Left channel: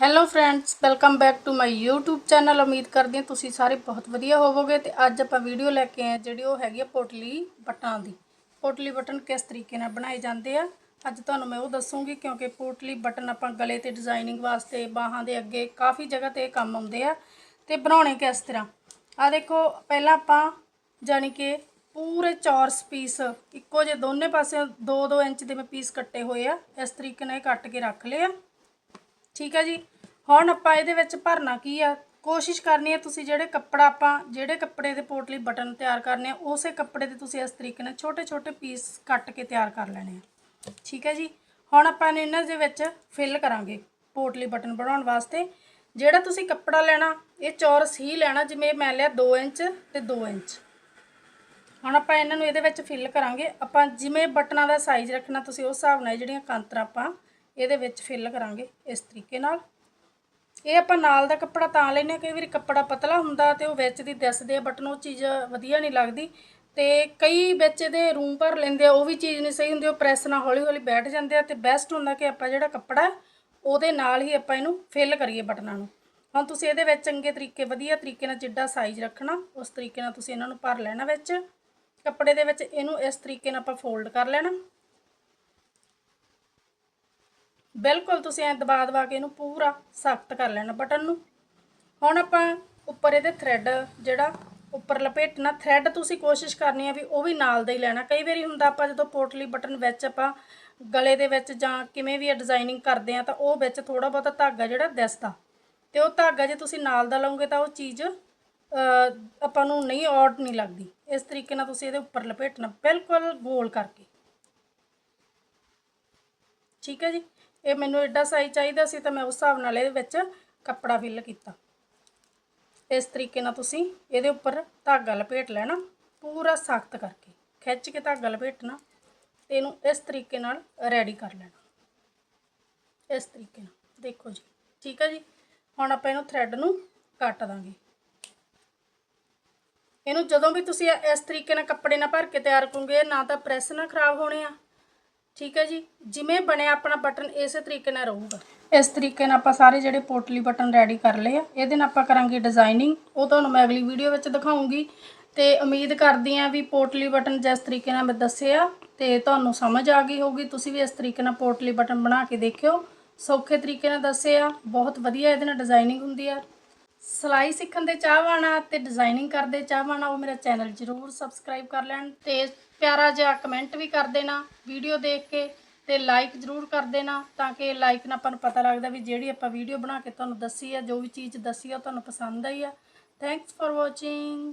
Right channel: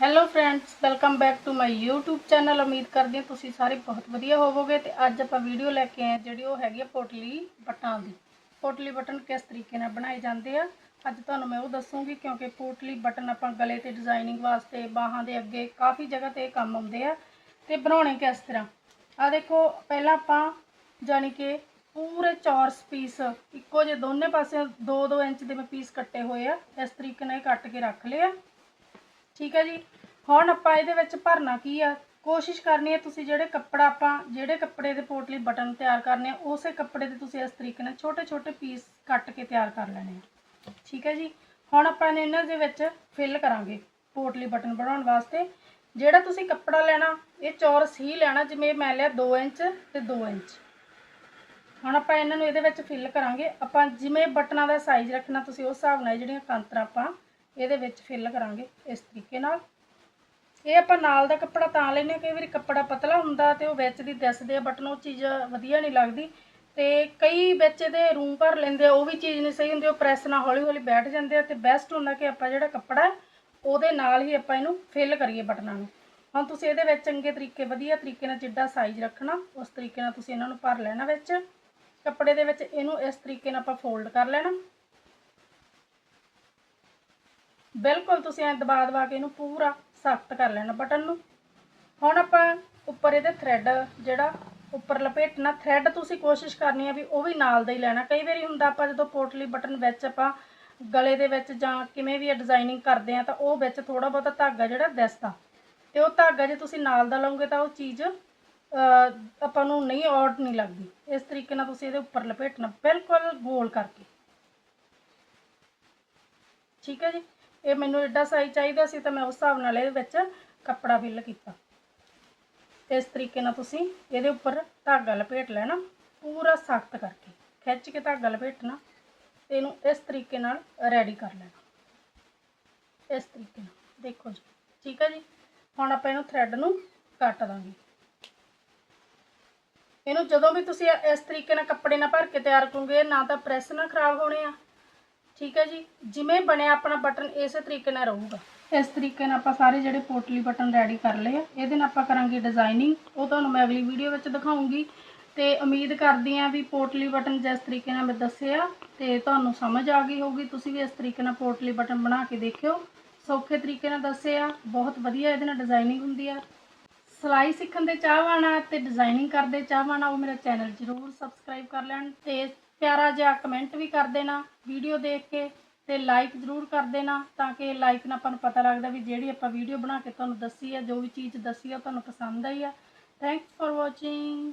Hello friends welcome back to my YouTube channel ਉਮੀਦ ਕਰਦੀ ਹਾਂ ਤੁਸੀਂ ਸਾਰੇ ਬਹੁਤ ਵਧੀਆ ਹੋਵੋਗੇ ਤੇ ਅੱਜ ਆਪਾਂ ਵੀਡੀਓ ਲੈ ਕੇ ਆਏ ਜਿਹੜੀ ਉਹ ਹੈਗੀ ਆ ਪੋਟਲੀ ਬਟਨਾਂ ਦੀ। ਪੋਟਲੀ ਬਟਨ ਕਿਸ ਤਰੀਕੇ ਨਾਲ ਬਣਾਏ ਜਾਂਦੇ ਆ? ਅੱਜ ਤੁਹਾਨੂੰ ਮੈਂ ਉਹ ਦੱਸੂਗੀ ਕਿਉਂਕਿ ਪੋਟਲੀ ਬਟਨ ਆਪਾਂ ਗਲੇ ਤੇ ਡਿਜ਼ਾਈਨਿੰਗ ਵਾਸਤੇ, ਬਾਹਾਂ ਦੇ ਅੱਗੇ ਕਾਫੀ ਜਗ੍ਹਾ ਤੇ ਕੰਮ ਆਉਂਦੇ ਆ ਤੇ ਬਣਾਉਣੇ ਕਿਸ ਤਰ੍ਹਾਂ? ਆ ਦੇਖੋ, ਪਹਿਲਾਂ ਆਪਾਂ ਜਾਣੀ ਕਿ ਪੂਰੇ ਚੌਰਸ ਪੀਸ ਇੱਕੋ ਜਿਹੇ ਦੋਨੇ ਪਾਸੇ 2-2 ਇੰਚ ਦੇ ਮੈਂ ਪੀਸ ਕੱਟੇ ਹੋਏ ਆ। ਇਸ ਤਰੀਕੇ ਨਾਲ ਇਹ ਕੱਟ ਕੇ ਰੱਖ ਲਿਆ ਠੀਕ ਹੈ ਜੀ। ਹੁਣ ਆਪਾਂ ਇਹਦੇ ਵਿੱਚ ਭਰਨਾ ਕੀ ਆ? ਕੋਸ਼ਿਸ਼ ਕਰਨੀ ਹੈ ਤੁਸੀਂ ਜਿਹੜੇ ਕੱਪੜਾ ਆਪਾਂ, ਜਿਹੜੇ ਕੱਪੜੇ ਦੇ ਪੋਟਲੀ ਬਟਨ ਤਿਆਰ ਕਰਨੇ ਆ, ਉਸੇ ਕੱਪੜੇ ਦੇ ਤੁਸੀਂ ਇਸ ਤਰੀਕੇ ਨਾਲ ਛੋਟੇ ਛੋਟੇ ਪੀਸ ਕੱਟ ਕੇ ਤਿਆਰ ਕਰ ਲੈਣੇ ਆ। ਠੀਕ ਹੈ ਜੀ। ਹੁਣ ਆਪਾਂ ਇਹਨੂੰ ਇਹਨਾਂ ਦੇ ਵਿੱਚ ਫਿਲ ਕਰਾਂਗੇ ਪੋਟਲੀ ਬਟਨ ਬਣਾਉਣ ਵਾਸਤੇ। ਜਿਹੜਾ ਤੁਸੀਂ ਕੱਪੜਾ ਲੈਣਾ, ਇਹ ਚੌਰਸ ਹੀ ਲੈਣਾ, ਜਿਵੇਂ ਮੈਂ ਲਿਆ 2 ਇੰਚ ਤੇ 2 ਇੰਚ। ਹੁਣ ਆਪਾਂ ਇਹਨਾਂ ਨੂੰ ਇਹਦੇ ਵਿੱਚ ਫਿਲ ਕਰਾਂਗੇ। ਆਪਾਂ ਜਿਵੇਂ ਬਟਨਾਂ ਦਾ ਸਾਈਜ਼ ਰੱਖਣਾ, ਤੁਸੀਂ ਉਸ ਹਿਸਾਬ ਨਾਲ ਜਿਹੜੀਆਂ ਕਾਂਤਰਾਂ ਆਪਾਂ ਇਹਦੇ ਵਿੱਚ ਫਿਲ ਕਰਾਂਗੇ ਇਸ ਤਰੀਕੇ ਨਾਲ। ਇਹ ਆਪਾਂ ਨਾਲ ਦਾ ਕੱਪੜਾ ਤਾਂ ਲੈਨੇ ਹਾਂ, ਕਈ ਵਾਰੀ ਕੱਪੜਾ ਪਤਲਾ ਹੁੰਦਾ ਤੇ ਉਹ ਵਿੱਚ ਦੀ ਦਿਸਦੇ ਆ ਬਟਨ ਉਹ ਚੀਜ਼ ਵਧੀਆ ਨਹੀਂ ਲੱਗਦੀ। ਤੇ ਕਈ ਵਿੱਚ ਇਹਦੇ ਰੂਮ ਭਰ ਲੈਂਦੇ ਆ ਉਹ ਵੀ ਚੀਜ਼ ਨਹੀਂ ਸਹੀ ਹੁੰਦੀ ਉਹ ਪ੍ਰੈਸ ਨਾਲ ਹੌਲੀ ਹੌਲੀ ਬੈਠ ਜਾਂਦੇ ਆ ਤੇ ਬੈਸਟ ਹੁੰਦਾ ਕਿ ਆਪਾਂ ਜਿਹੜਾ ਕੱਪੜਾ ਉਹਦੇ ਨਾਲ ਹੀ ਆਪਾਂ ਇਹਨੂੰ ਫਿਲ ਕਰੀਏ ਬਟਨਾਂ ਨੂੰ। ਹੁਣ ਤੁਸੀਂ ਇਹਦੇ ਵਿੱਚ ਚੰਗੇ ਤਰੀਕੇ ਵਧੀਆ ਤਰੀਕੇ ਨਾਲ ਜਿੱਡਾ ਸਾਈਜ਼ ਰੱਖਣਾ ਉਸ ਤਰੀਕੇ ਨਾਲ ਤੁਸੀਂ ਇਹਨਾਂ ਨੂੰ ਭਰ ਲੈਣਾ ਵਿੱਚ। ਕੱਪੜੇ ਦੇ ਵਿੱਚ ਇਹਨੂੰ ਇਸ ਤਰੀਕੇ ਨਾਲ ਆਪਾਂ ਫੋਲਡ ਕਰ ਲੈਣਾ। ਬਿਲਕੁਲ ਤੁਸੀਂ ਐਂ ਦਬਾ ਦਬਾ ਕੇ ਇਹਨੂੰ ਪੂਰਾ ਸਖਤ ਕਰ ਲੈਣਾ ਬਟਨ ਨੂੰ। ਹੁਣ ਆਪਾਂ ਉੱਪਰ ਇਹਦੇ ਥ੍ਰੈਡ ਜਿਹੜਾ ਉੱਪਰ ਲਪੇਟਣਾ ਥ੍ਰੈਡ ਤੁਸੀਂ ਕੋਸ਼ਿਸ਼ ਕਰਨੀ ਆ ਵੀ ਉਹ ਵੀ ਨਾਲ ਦਾ ਹੀ ਲੈਣਾ। ਕਈ ਵਾਰੀ ਹੁੰਦਾ ਆਪਾਂ ਜਦੋਂ ਪੋਟਲੀ ਬਟਨ ਵਿੱਚ ਆਪਾਂ ਗਲੇ ਦੇ ਵਿੱਚ ਜਾਂ ਕਿਵੇਂ ਵੀ ਡਿਜ਼ਾਈਨਿੰਗ ਕਰਦੇ ਆ ਤਾਂ ਉਹ ਵਿੱਚ ਥੋੜਾ ਬਹੁਤਾ ਧਾਗਾ ਜਿਹੜਾ ਦਿਸਦਾ। ਤੇ ਉਹ ਧਾਗਾ ਜੇ ਤੁਸੀਂ ਨਾਲ ਦਾ ਲਾਉਂਗੇ ਤਾਂ ਉਹ ਚੀਜ਼ ਆਪਾਂ ਨੂੰ ਨਹੀਂ ਔਡ ਨਹੀਂ ਲੱਗਦੀ। ਇਸ ਤਰੀਕੇ ਨਾਲ ਤੁਸੀਂ ਇਹਦੇ ਉੱਪਰ ਲਪੇਟਣਾ ਬਿਲਕੁਲ ਗੋਲ ਕਰਕੇ। ਠੀਕ ਹੈ ਜੀ? ਇਹ ਮੈਨੂੰ ਐਡਾ ਸਾਈਜ਼ ਚਾਹੀਦਾ ਸੀ ਤਾਂ ਮੈਂ ਉਸ ਹਿਸਾਬ ਨਾਲ ਇਹਦੇ ਵਿੱਚ ਕੱਪੜਾ ਫਿਲ ਕੀਤਾ। ਇਸ ਤਰੀਕੇ ਨਾਲ ਤੁਸੀਂ ਇਹਦੇ ਉੱਪਰ ਧਾਗਾ ਲਪੇਟ ਲੈਣਾ, ਪੂਰਾ ਸਖਤ ਕਰਕੇ। ਖਿੱਚ ਕੇ ਧਾਗਾ ਲਪੇਟਣਾ, ਇਹਨੂੰ ਇਸ ਤਰੀਕੇ ਨਾਲ ਰੈਡੀ ਕਰ ਲੈਣਾ। ਇਸ ਤਰੀਕੇ ਨਾਲ। ਦੇਖੋ ਜੀ, ਠੀਕ ਹੈ ਜੀ? ਹੁਣ ਆਪਾਂ ਇਹਨੂੰ ਥ੍ਰੈਡ ਨੂੰ ਕੱਟ ਦਾਂਗੇ। ਇਹਨੂੰ ਜਦੋਂ ਵੀ ਤੁਸੀਂ ਇਸ ਤਰੀਕੇ ਨਾਲ ਕੱਪੜੇ ਨਾਲ ਭਰ ਕੇ ਤਿਆਰ ਕਰੋਗੇ, ਨਾ ਤਾਂ ਪ੍ਰੈਸ ਨਾ ਖਰਾਬ ਹੋਣੇ ਆ। ਠੀਕ ਹੈ ਜੀ? ਜਿਵੇਂ ਬਣਿਆ ਆਪਣਾ ਬਟਨ, ਇਸੇ ਤਰੀਕੇ ਨਾਲ ਰਹੂਗਾ। ਇਸ ਤਰੀਕੇ ਨਾਲ ਆਪਾਂ ਸਾਰੇ ਜਿਹੜੇ ਪੋਟਲੀ ਬਟਨ ਰੈਡੀ ਕਰ ਲਏ ਆ। ਇਹਦੇ ਨਾਲ ਆਪਾਂ ਕਰਾਂਗੇ ਡਿਜ਼ਾਈਨਿੰਗ ਉਹ ਤੁਹਾਨੂੰ ਮੈਂ ਅਗਲੀ ਵੀਡੀਓ ਵਿੱਚ ਦਿਖਾਉਂਗੀ। ਤੇ ਉਮੀਦ ਕਰਦੀ ਆ ਵੀ ਪੋਟਲੀ ਬਟਨ ਜਿਸ ਤਰੀਕੇ ਨਾਲ ਮੈਂ ਦੱਸਿਆ, ਤੇ ਤੁਹਾਨੂੰ ਸਮਝ ਆ ਗਈ ਹੋਊਗੀ। ਤੁਸੀਂ ਵੀ ਇਸ ਤਰੀਕੇ ਨਾਲ ਪੋਟਲੀ ਬਟਨ ਬਣਾ ਕੇ ਦੇਖਿਓ। ਸੌਖੇ ਤਰੀਕੇ ਨਾਲ ਦੱਸਿਆ। ਬਹੁਤ ਵਧੀਆ ਇਹਦੇ ਨਾਲ ਡਿਜ਼ਾਈਨਿੰਗ ਹੁੰਦੀ ਆ। ਸਿਲਾਈ ਸਿੱਖਣ ਦੇ ਚਾਹਵਾਨਾ ਤੇ ਡਿਜ਼ਾਈਨਿੰਗ ਕਰਦੇ ਚਾਹਵਾਨਾ ਉਹ ਮੇਰਾ ਚੈਨਲ ਜਰੂਰ ਸਬਸਕ੍ਰਾਈਬ ਕਰ ਲੈਣ ਤੇ ਪਿਆਰਾ ਜਿਹਾ ਕਮੈਂਟ ਵੀ ਕਰ ਦੇਣਾ ਵੀਡੀਓ ਦੇਖ ਕੇ ਤੇ ਲਾਈਕ ਜਰੂਰ ਕਰ ਦੇਣਾ ਤਾਂ ਕਿ ਲਾਈਕ ਨਾਲ ਆਪਾਂ ਨੂੰ ਪਤਾ ਲੱਗਦਾ ਵੀ ਜਿਹੜੀ ਆਪਾਂ ਵੀਡੀਓ ਬਣਾ ਕੇ ਤੁਹਾਨੂੰ ਦੱਸੀ ਹੈ, ਜੋ ਵੀ ਚੀਜ਼ ਦੱਸੀ ਹੈ ਉਹ ਤੁਹਾਨੂੰ ਪਸੰਦ ਆਈ ਆ ਥੈਂਕਸ ਫॉर ਵਾਚਿੰਗ